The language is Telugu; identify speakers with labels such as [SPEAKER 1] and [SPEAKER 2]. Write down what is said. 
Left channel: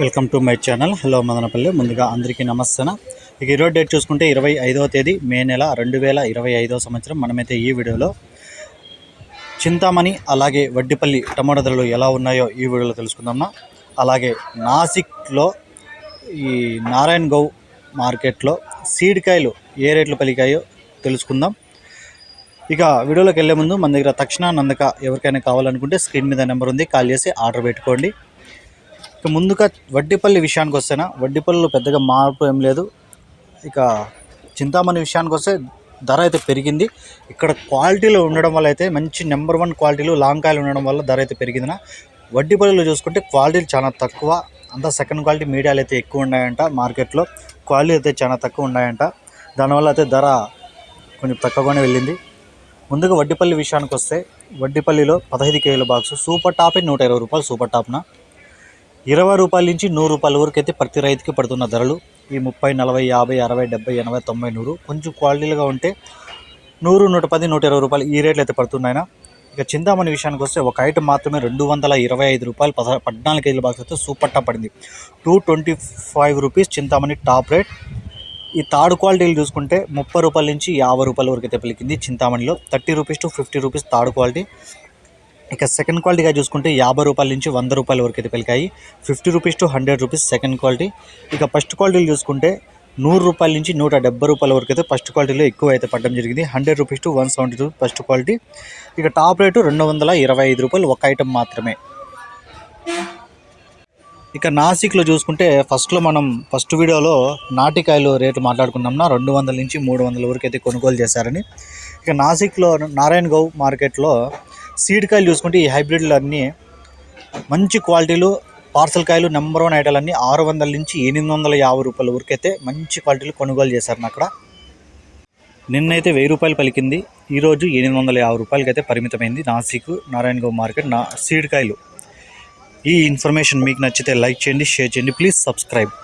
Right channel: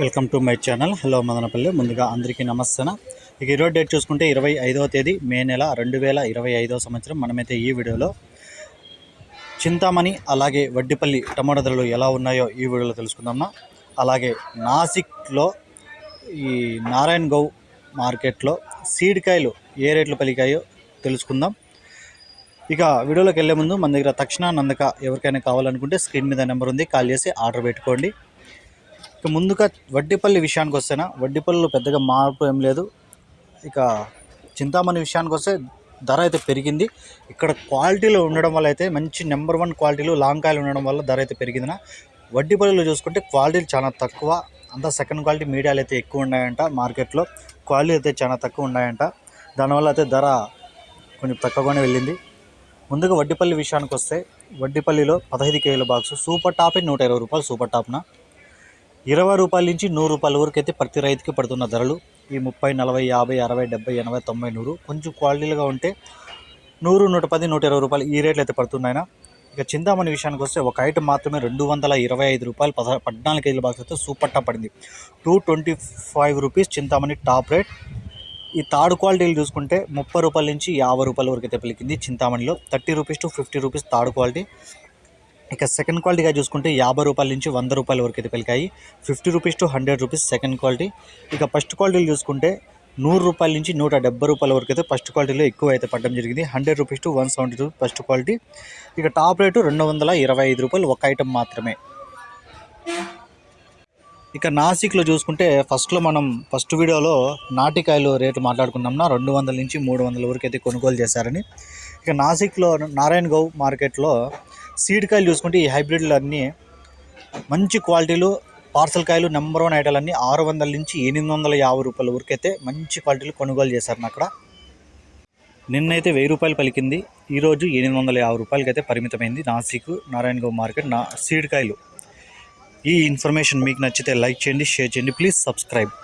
[SPEAKER 1] Welcome to my channel. Hello Madanapalle. ముందుగా అందరికీ నమస్తే ఇక ఈరోజు డేట్ చూసుకుంటే ఇరవై ఐదవ తేదీ మే నెల రెండు వేల ఇరవై ఐదవ సంవత్సరం. మనమైతే ఈ వీడియోలో చింతామణి అలాగే వడ్డిపల్లి టమాటా ధరలు ఎలా ఉన్నాయో ఈ వీడియోలో తెలుసుకుందామా. అలాగే నాసిక్లో ఈ నారాయణ గౌ మార్కెట్లో సీడ్కాయలు ఏ రేట్లు పలికాయో తెలుసుకుందాం. ఇక వీడియోలోకి వెళ్ళే ముందు మన దగ్గర తక్షణ నందక ఎవరికైనా కావాలనుకుంటే స్క్రీన్ మీద నెంబర్ ఉంది. కాల్ చేసి ఆర్డర్ పెట్టుకోండి. ఇక ముందుగా వడ్డీపల్లి విషయానికి వస్తేనా? వడ్డీపల్లిలో పెద్దగా మార్పు ఏం లేదు. ఇక చింతామణి విషయానికి వస్తే ధర అయితే పెరిగింది. ఇక్కడ క్వాలిటీలో ఉండడం వల్ల అయితే మంచి నెంబర్ వన్ క్వాలిటీలు లాంగ్ కాయలు ఉండడం వల్ల ధర అయితే పెరిగిందినా. వడ్డీపల్లిలో చూసుకుంటే క్వాలిటీలు చాలా తక్కువ. అంతా సెకండ్ క్వాలిటీ మీడియాలు అయితే ఎక్కువ ఉన్నాయంట మార్కెట్లో. క్వాలిటీ అయితే చాలా తక్కువ ఉన్నాయంట. దానివల్ల అయితే ధర కొంచెం తక్కువగానే వెళ్ళింది. ముందుగా వడ్డీపల్లి విషయానికి వస్తే వడ్డీపల్లిలో పదహైదు కేజీల బాక్స్ సూపర్ టాప్ నూట ఇరవై రూపాయలు సూపర్ టాప్న? ఇరవై రూపాయల నుంచి నూరు రూపాయల వరకు అయితే ప్రతి రైతుకి పడుతున్న ధరలు. ఈ ముప్పై నలభై యాభై అరవై డెబ్బై ఎనభై తొంభై నూరు కొంచెం క్వాలిటీలుగా ఉంటే నూరు నూట పది నూట ఇరవై రూపాయలు ఈ రేట్లు అయితే పడుతున్నాయినా. ఇక చింతామణి విషయానికి వస్తే ఒక ఐటమ్ మాత్రమే రెండు వందల ఇరవై ఐదు రూపాయలు పద పద్నాలుగు కేజీల బాక్స్ అయితే సూపర్ టాప్ పడింది. Two twenty five rupees Chintamani top rate. ఈ థర్డ్ క్వాలిటీలు చూసుకుంటే ముప్పై రూపాయల నుంచి యాభై రూపాయల వరకు అయితే పలికింది చింతామణిలో. Thirty rupees to fifty rupees third quality. ఇక సెకండ్ క్వాలిటీగా చూసుకుంటే యాభై రూపాయల నుంచి వంద రూపాయల వరకు అయితే పెరిగాయి. Fifty rupees to hundred rupees second quality ఇక ఫస్ట్ క్వాలిటీలు చూసుకుంటే నూరు రూపాయల నుంచి నూట డెబ్బై రూపాయల వరకు అయితే ఫస్ట్ క్వాలిటీలో ఎక్కువ అయితే పడడం జరిగింది. Hundred rupees to one seventy two first quality ఇక టాప్ రేటు రెండు వందల ఇరవై ఐదు రూపాయలు ఒక ఐటమ్ మాత్రమే. ఇక నాసిక్లో చూసుకుంటే ఫస్ట్లో మనం ఫస్ట్ వీడియోలో నాటికాయలు రేటు మాట్లాడుకున్నాంనా రెండు వందల నుంచి మూడు వందల వరకు అయితే కొనుగోలు చేశారని. ఇక నాసిక్లో నారాయణ గౌ మార్కెట్లో సీడ్ కాయలు చూసుకుంటే ఈ హైబ్రిడ్లు అన్నీ మంచి క్వాలిటీలు పార్సల్ కాయలు నెంబర్ వన్ ఐటల్ అన్నీ ఆరు వందల నుంచి ఎనిమిది వందల యాభై రూపాయల ఉరికైతే మంచి క్వాలిటీలు కొనుగోలు చేశారు అక్కడ. నిన్నైతే వెయ్యి రూపాయలు పలికింది. ఈరోజు ఎనిమిది వందల యాభై రూపాయలకి అయితే పరిమితమైంది నాసిక్ నారాయణ గౌ మార్కెట్ నా సీడ్ కాయలు. ఈ ఇన్ఫర్మేషన్ మీకు నచ్చితే లైక్ చేయండి షేర్ చేయండి ప్లీజ్ సబ్స్క్రైబ్.